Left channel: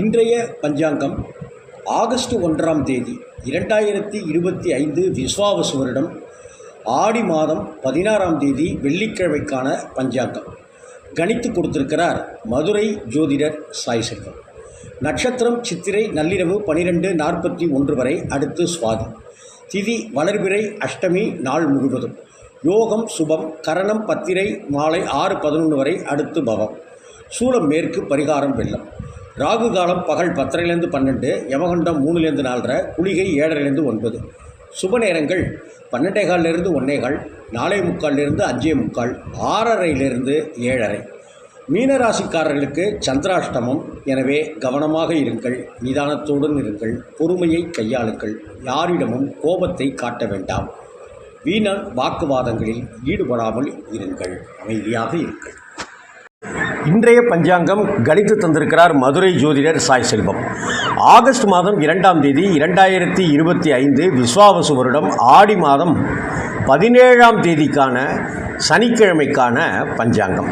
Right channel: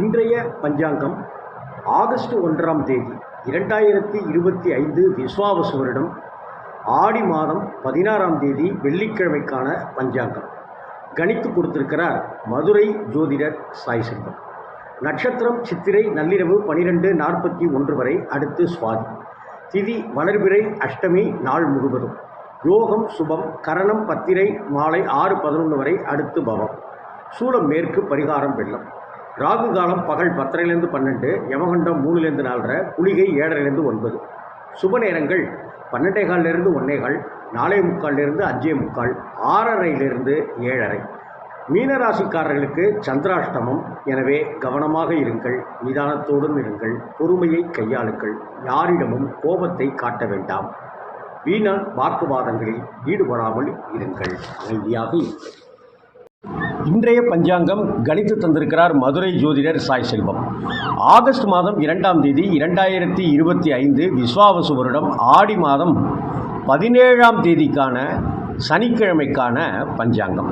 இன்றைய பஞ்சாங்கம் ஆகஸ்ட் ஒன்றாம் தேதி இரண்டாயிரத்தி இருபத்தி ஐந்து விஸ்வாவசு வருடம் ஆடி மாதம் பதினாறாம் தேதி வெள்ளிக்கிழமைக்கான பஞ்சாங்கம். கணித்து கொடுத்திருக்கிறார் மதுரை ஜோதிடர் சாய் செல்வம் நட்சத்திரம் சித்திரை நள்ளிரவு பனிரெண்டு நாற்பத்தி ஒன்று வரை அடுத்து சுவாதி. திதி வளர்பிறை அஷ்டமி நாள் முழுவதும். யோகம் சுபம் கரணம் பத்திரை மாலை ஆறு பதினொன்று வரை அடுத்து பவம். சூலம் மேற்கு பரிகாரம் வெள்ளம். ராகு காலம் பகல் பத்தரைலேருந்து பன்னெண்டு யமகண்டம் மூணுலேருந்து நாலரை குளிகை ஏழரைலேருந்து ஒன்பது. சுப நேரங்கள் பன்னெண்டே காலிலிருந்து ஒன்னே கால் நாலே முக்கால்லேருந்து அஞ்சே முக்கால் ஆறரையிலிருந்து ஏழரை. மீனராசிக்காரர்களுக்கு சந்திராஷ்டமம். எனவே கவனமாக இருங்கள் நிதானத்துடன் இருங்கள் பொறுமையை கையாளுங்கள் யாரிடமும் கோபத்தை காட்ட வேண்டாம். வீணான் வாக்குவாதங்களில் ஈடுபடாமல் இருங்கள் அமைதியாக இருங்கள். இன்றைய பஞ்சாங்கம் கணித்து தந்திருக்கிறார் மதுரை ஜோதிடர் சாய் செல்வம். ஆகஸ்ட் மாதம் இரண்டாம் தேதி இரண்டாயிரத்தி இருபத்தி ஐந்து விஸ்வாவசு வருடம் ஆடி மாதம் பதினேழாம் தேதிக்கான சனிக்கிழமைக்கான பஞ்சாங்கம்.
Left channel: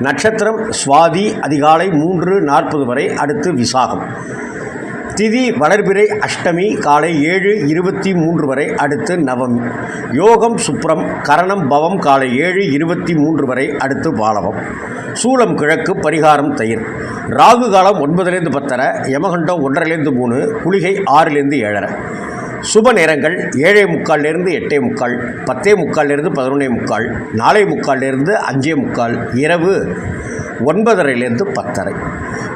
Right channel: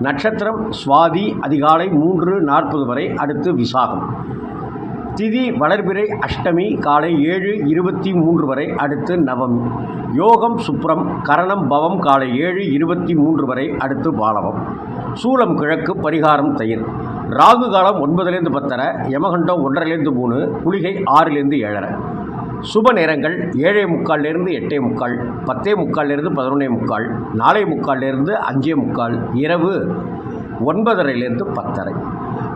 நட்சத்திரம் சுவாதி அதிகாலை மூன்று நாற்பது வரை அடுத்து விசாகம். திதி வளர்பிறை அஷ்டமி காலை ஏழு இருபத்தி மூன்று வரை அடுத்து நவமி. யோகம் சுப்ரம் கரணம் பவம் காலை ஏழு இருபத்தி மூன்று வரை அடுத்து பாலவம். சூலம் கிழக்கு பரிகாரம் தயிர். ராகு காலம் ஒன்பதுலேருந்து பத்தரை யமகண்டம் ஒன்றரைலேருந்து மூணு குளிகை ஆறுலேருந்து ஏழரை. சுப நேரங்கள் ஏழே முக்கால்லேருந்து எட்டே முக்கால் பத்தே முக்கால்லேருந்து பதினொன்னே முக்கால் நாலே முக்கால்லேருந்து அஞ்சே முக்கால் இரவு ஒன்பதரைலேருந்து பத்தரை.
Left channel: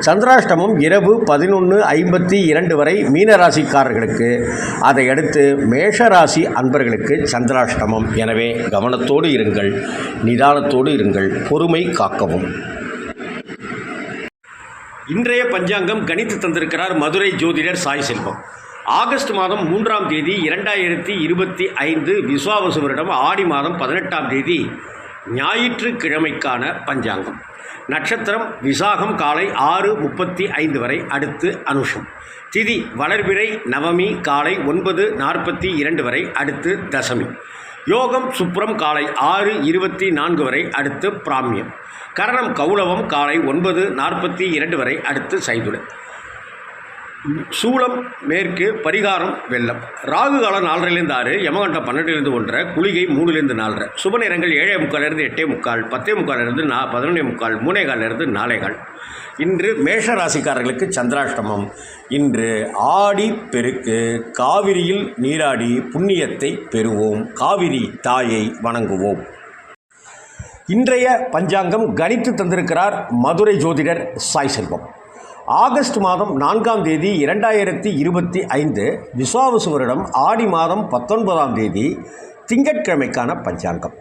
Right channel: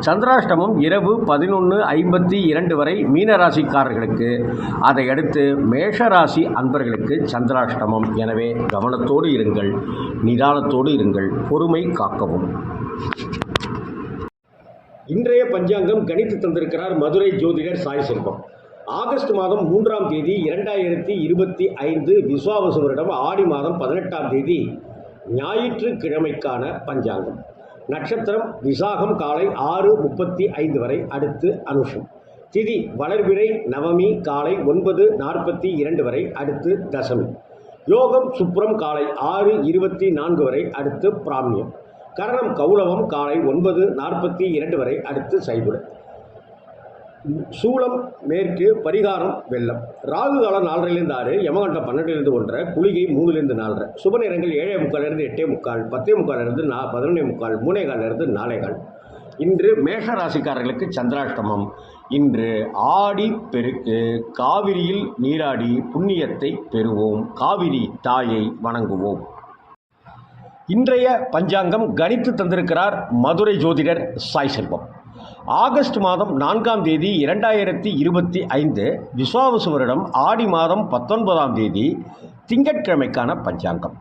சந்திராஷ்டமம் இரவு பதினொன்று ஐம்பத்தி இரண்டு வரை மீனராசிக்காரர்களுக்கு அதை அடுத்து மேஷராசி அன்பர்களுக்கு சந்திராஷ்டமம். எனவே கவனத்தோடு இருங்கள் நிதானத்தோடு இருங்கள் பொறுமை காக்கவும். இன்றைய பஞ்சாங்கம் கணித்து தந்திருக்கிறார் மதுரை ஜோதிடர் சாய் செல்வம். ஆகஸ்ட் மாதம் மூன்றாம் தேதி இரண்டாயிரத்தி இருபத்தி ஐந்து விஸ்வாவசு வருடம் ஆடி மாதம் பதினெட்டாம் தேதி ஞாயிற்றுக்கிழமைக்கான பஞ்சாங்கம். நட்சத்திரம் விசாகம் காலை ஆறு முப்பத்தி ஐந்து வரை அடுத்து அனுஷம். திதி வளர்பிறை நவமி காலை ஒன்பது நாற்பத்தி இரண்டு வரை அடுத்து தசமி. யோகம் சுப்ரம் காலை ஆறு இருபத்தி நான்கு வரை அடுத்து பிராமியம். கரணம் கௌளவம் காலை ஒன்பது நாற்பத்தி இரண்டு வரை அடுத்து சைதுடன் சூளம் மேற்கு பரிகாரம் வெள்ளம். ராகு காலம் நாலரைலேருந்து ஆறு யமகண்டம் பன்னெண்டுலேருந்து ஒன்றரை குளிகை மூணுலேருந்து நாலரை. சுப நேரங்கள் ஏழே முக்கால்லேருந்து எட்டே முக்கால் பத்தே முக்கால்லேருந்து நா பதினொன்னே முக்கால் மூணே கால்லேருந்து நாலே கால். இன்று மேஷ ராசிக்காரர்களுக்கு சந்திராஷ்டமம். இன்று ஆடி பெருக்கு காவிரியில் நீராடி புண்ணியத்தை பெறுவோம். காவிரி தாயை வணங்குவோம். இன்றைய பஞ்சாங்கம் கணித்து தந்திருக்கிறார் மதுரை ஜோதிடர் சாய் செல்வம். ஆகஸ்ட் மாதம் நான்காம் தேதி இரண்டாயிரத்தி இருபத்தி ஐந்து விஸ்வாவசு வருடம் ஆடி மாதம் பத்தொன்பதாம் தேதி திங்கட்கிழமைக்கான பஞ்சாங்கம்.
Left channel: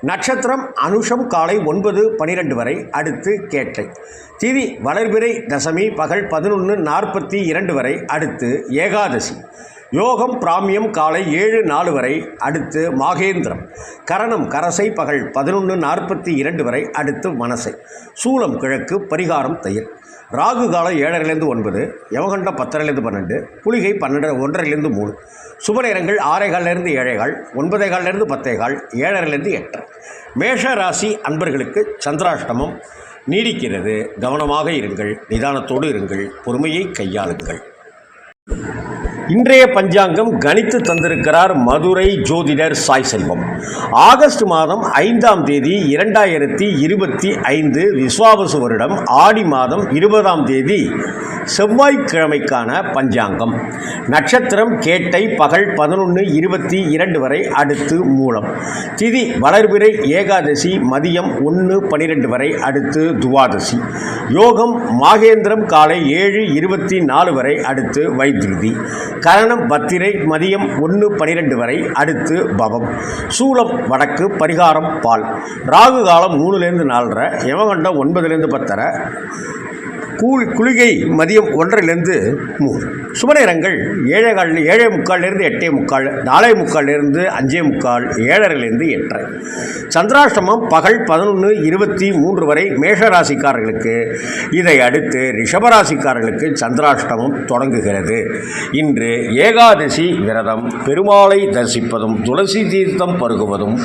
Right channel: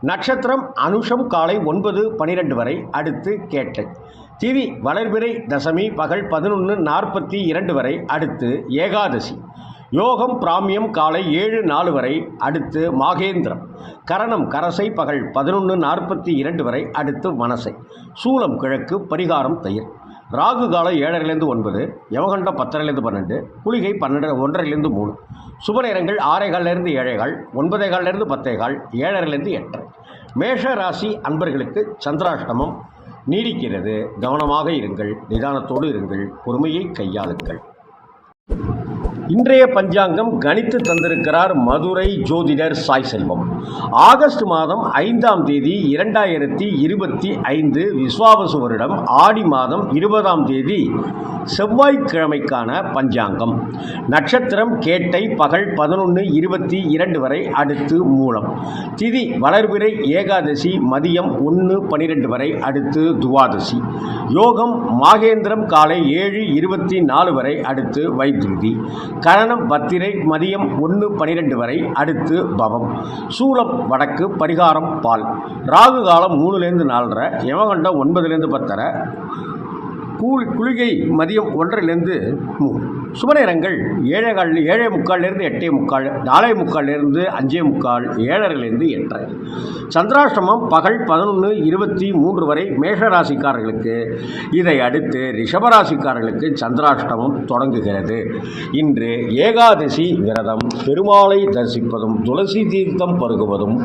நட்சத்திரம் அனுஷம் காலை ஒன்பது பனிரெண்டு வரை அடுத்து கேட்டை. திதி வளர்பிறை தசமி பகல் பதினொன்று நாற்பத்தி இரண்டு வரை அடுத்து ஏகாதசி. யோகம் பிராமியம் காலை ஏழு நாலு வரை அடுத்து மாகேந்திரம். கரணம் கரசை பகல் பதினொன்று நாற்பத்தி இரண்டு வரை அடுத்து மனசை. சூலம் கிழக்கு பரிகாரம் தயிர் ராகு காலம் ஏழரைலேருந்து ஒன்பது யமகண்டம் பத்தரைலேருந்து பன்னெண்டு குளிகை பன்னெண்டு ஒன்றரைலேருந்து மூணு. சுப நேரங்கள் ஆறே காலிலேருந்து ஒன்பதே காலிலேருந்து பத்தே கால் ஏழரைலேருந்து எட்டரை. மேஷ ராசி அன்பர்களுக்கு சந்திராஷ்டமம். நீடிக்கிறது. கவனமாக இருங்கள். நிதானத்தோடு இருங்கள். பொறுமையை கையாளுங்கள். இன்றைய பஞ்சாங்கம் கணித்து தந்திருக்கிறார் மதுரை ஜோதிடர் சாய் செல்வம். ஆகஸ்ட் மாதம் ஐந்தாம் தேதி இரண்டாயிரத்தி இருபத்தி ஐந்து விஸ்வாவசு வருடம் ஆடி மாதம் இருபதாம் தேதி செவ்வாய்க்கிழமைக்கான பஞ்சாங்கம். நட்சத்திரம் கேட்டை பகல் பதினொன்று இருபத்தி இரண்டு வரை அடுத்து மூலம். திதி வளர்பிறை ஏகாதசி மதியம் ஒன்று பனிரெண்டு வரை அடுத்து துவாதசி. யோகம் மாகேந்திரம் காலை ஏழு இருபத்தி நாலு வரை அடுத்து வைத்திருதி. கரணம் பத்திரை மதியம் ஒன்று பனிரெண்டு வரை அடுத்து பவம். சூலம் வடக்கு பரிகாரம் பால். ராகு காலம் மூணுலேருந்து நாலரை யமகண்டம் ஒன்பதுலேருந்து பத்தரை. கூலி குளிகை மதியம் ஒன்றிலிருந்து மூணு சுபநேரங்கள் ஏழே கால் ஏழே முக்கால்லேருந்து எட்டே முக்கால் நாலே முக்கால்லேருந்து அஞ்சே முக்கால் ஏழரைலேருந்து எட்டரை. சந்திராஷ்டமம் பகல் பதினொன்று இருபத்தி மூன்று வரை மேஷராசிக்காரர்களுக்கு. இதை அடுத்து ரிஷபராசிக்காரர்களுக்கு சந்திராஷ்டமம் தொடங்குகிறது. இன்று ஏகாதசி விரதம் பெருமாளை தரிசிப்பதும் துளசி தீர்த்தம் பருகுவதும்.